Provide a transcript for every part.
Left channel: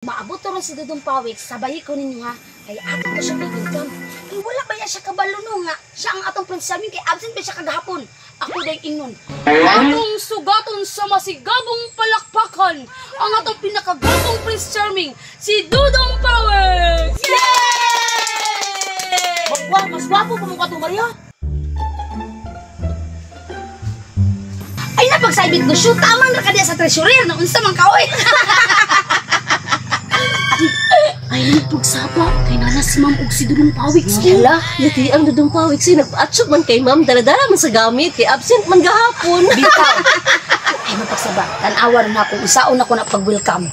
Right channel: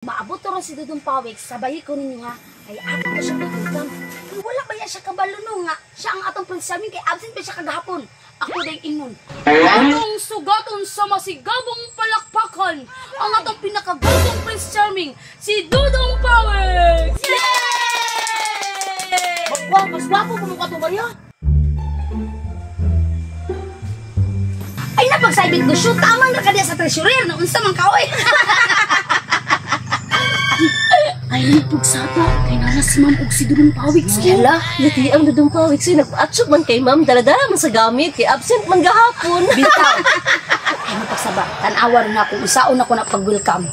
Maabot ron si Dudong Pawik, sabay ko ninyo ha. Kaya ato ko siya mag-welcome. Ay wala ba siya kabalo no nga? Siya ang atong Prince Charming kay absent pa siya kagahapon. Ako day ingon. Atong sugaton sa masigabong palakpakan ang atong pinakagustong Prince Charming, si Dudong Pawik! Yay! Wow, mas wapo pa mukha to, Maria. Ay napagsabit ko shoot, tamang ra ka diya sa treasurer na unsa man kaoy. Ay, nagpagsapa kay nana si Ma'am og si Dudong Pawik. Hala, lati ang Dudong Pawik si nagpa-atsog man kay Ma'am, dala-dala man sa gamit kay absent man gahapon. Bitaw. Ay mapagsaba, tan-awa rin ako isaon ako na pag-welcome.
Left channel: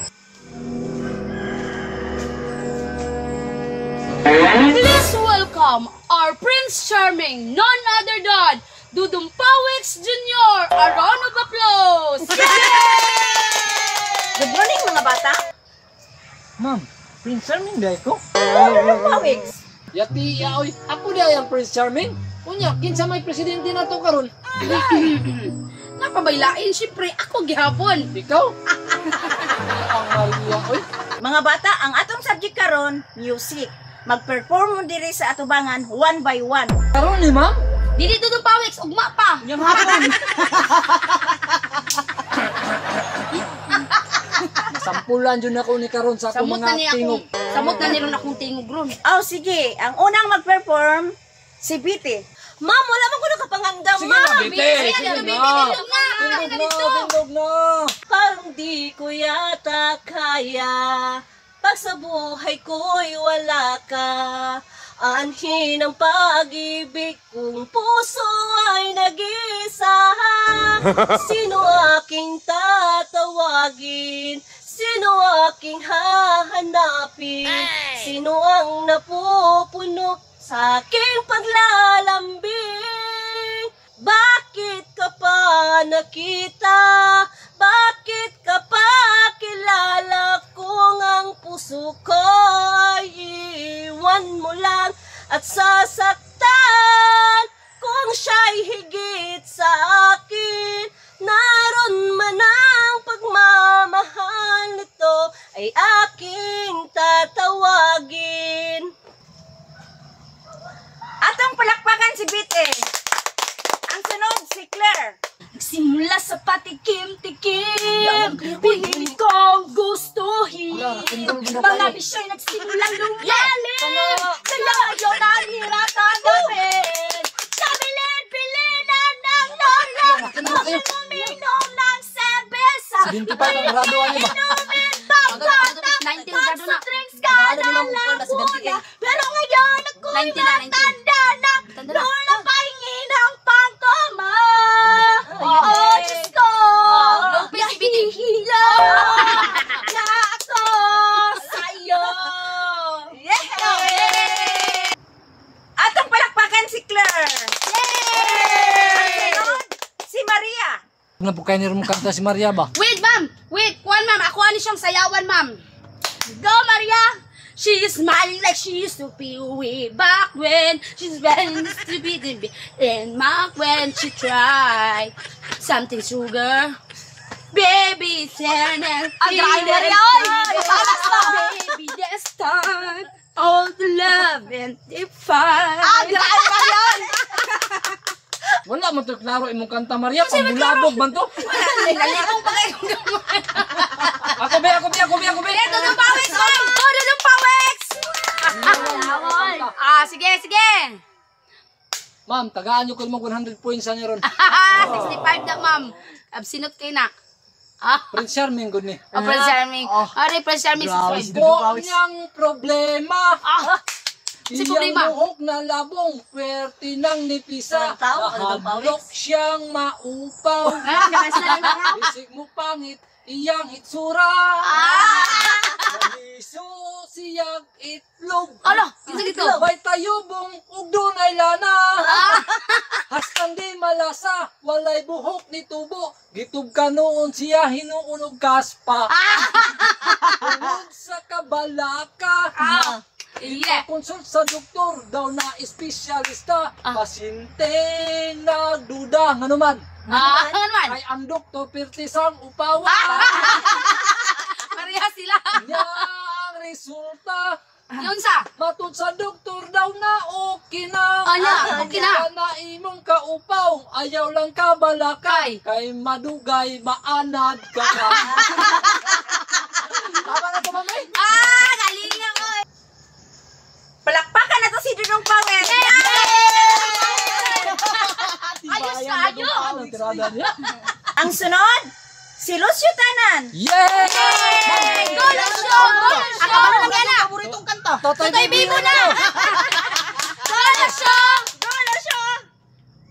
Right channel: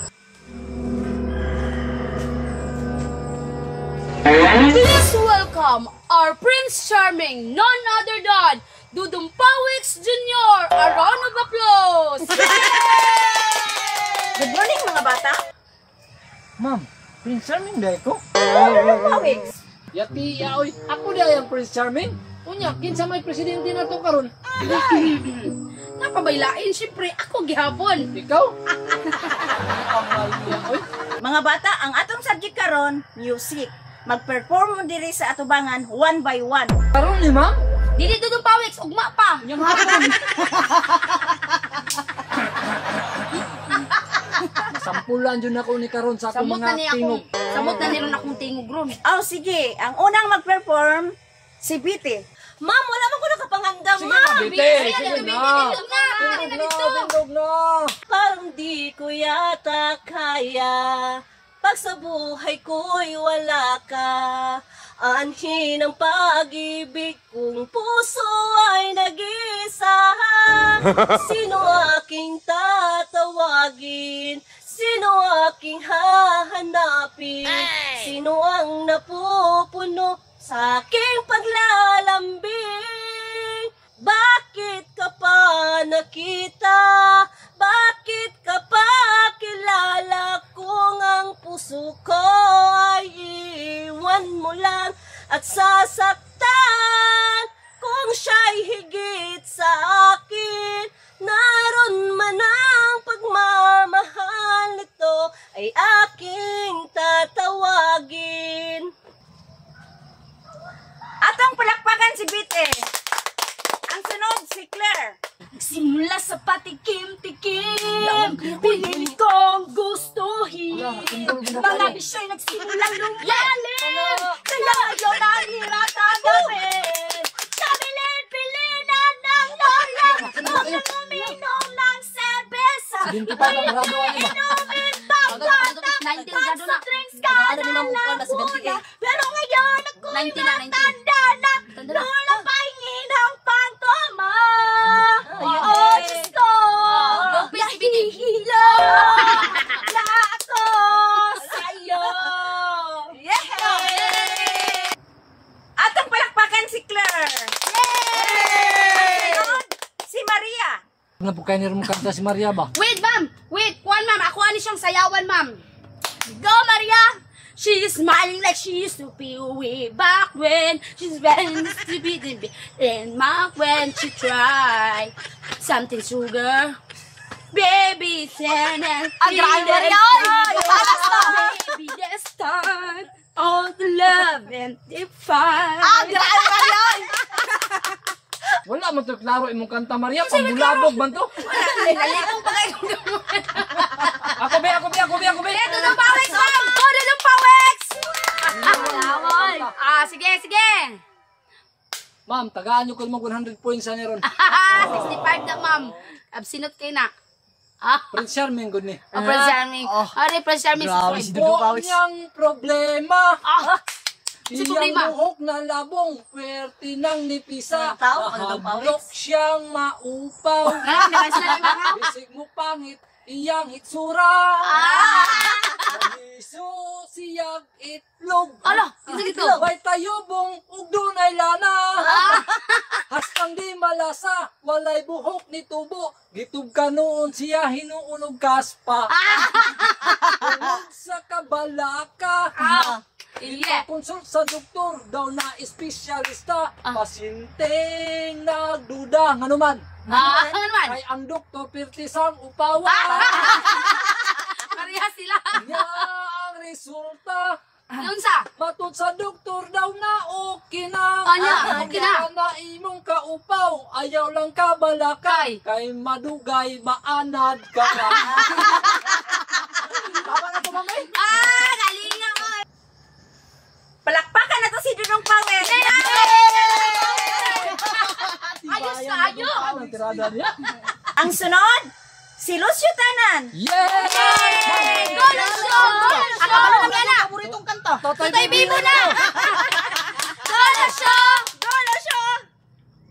Please welcome our Prince Charming, none other than Dudong Pawik Jr. A round of applause. Good morning mga bata. Ma'am, Prince Charming dahil ko? Pawik. Yati, yaoy, ako dahil ang Prince Charming. Unya, kinsa may presidente na to karon? Napabailain, syempre ako gihapon. Ikaw? Ang Maria, oy. Mga bata, ang atong subject karon, music. Mag-perform mo diri sa atubangan one by one. Karon ni ma'am? Dili Dudong Pawik, ugma pa. Yang hapon. Sampulan dyan ako ni karon sa akong Samot na mga niya tingog. akong, samot na niron akong tingog ron. Oh, sige. Ang unang mag-perform, si Biti. Ma'am, wala man ko nakapanghanda, Sige Ma'am. na, Bite. Sige Bite, na. Bite, Tindog na. Parang di ko yata kaya, pag sa buhay ko'y wala ka. Anhin ang pag-ibig kung puso ay nag-isa. Sino aking tatawagin? Sino aking hahanapin? Sino ang napupuno sa aking paglalambing? Bakit ka pa nakita? Bakit ka pa kilala kung ang puso ko ay iwan mo lang at sasaktan? Kung siya'y higit sa akin, naroon man ang pagmamahal nito ay aking tatawagin. Atong palakpakan si Biti. Ang sunod, si Claire. Simula sa patikim-tikim, pinilit kong gustuhin. Mga bisyo'y nagsimulang lumalim, kaya yun ang hirap tanggapin. Kabilin-bilinan ng lola, mag-uminom ng serbesa. Inumin pang-batang, sa drinks ka na lang muna. Pero ngayon ako'y matanda na, lola pahingin ang pantoma. Oh, Diyos ko, nahihila na ako sa'yo. Atong palakpakan si Claire. Ang sunod, si Maria. Napukay ni rin kanta si Maria ba? Wait, ma'am. Wait, kuhan, ma'am. Ako ani siyang sayawan, ma'am. Go, Maria. She's smiling like she used to be way back when she's very stupid and mark when she tried something sugar. Baby, send and baby, that's time. All the love and the fight. Wala man ito klaro imong kanta Maria. Pambulabog man to. Nalalipong pa kayo. Ako be. Dudong Pawik, ma'am! Oh, Dudong Pawik! Sige. Ma'am, tagaan nyo ko mo 100 points sa niya ron. 65 na, ma'am. Absinot kayo na. Prince Charming, good ni. Prince Charming. Prince Charming. Po niyang problema. Si problema. Iyang buhok na labong, pwerte ng nipisa. Tao, Nakadlok siyang maupaw. Isig mo pangit, iyang itsura. Maliso siyang itlog. Ala, gitu. May tayubong, ug dunay lana. Hastang di malasa, walay buhok ni tubo. Gitub ka noon siya, hinuunog kaspa. Tunog sa kabalaka. Yeah. Consult sa doktor daw na espesyalista. Pasyente nagduda. Nga naman. Ano naman? Kay ang doktor pirtisang upawa. Maria, Parehas sila. Nya ang resulta. Yun sa. Matod sa doktor daw na okay na. Anya, okay na. Na imong kaupaw, ayaw lang ka balakay. Kay madugay, maanad ka. Tama na to, mamay? Galingan ko. Palakpakan na to si Dudong Pawik. Ayos na, ayos. Ang sunod, si Lucio Tanan. Yay! Golusyon! Akabalo na yan na. Paboritong kanta. Tutoy Bibo na! Golusyon! Golusyon!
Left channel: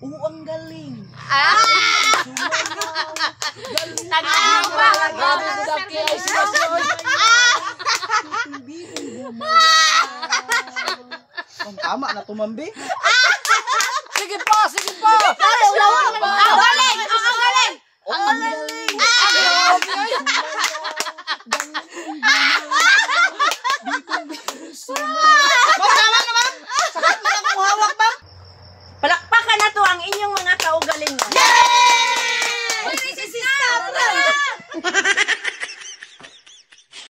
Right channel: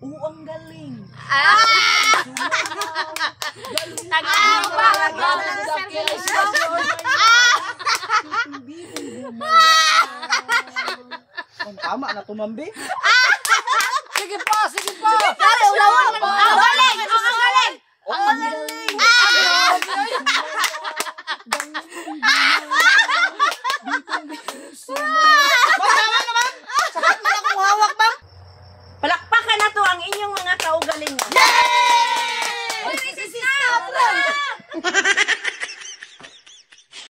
Oo, ang galing. Tag-ano pa? Ang tama na tumambi. Sige pa, sige pa! Ang galing! Ang galing! Ang galing. Ma'am, tama naman. Sakat mo na kung hawak, ma'am. Palakpakan na to ang inyong mga kaugalingon. Yay!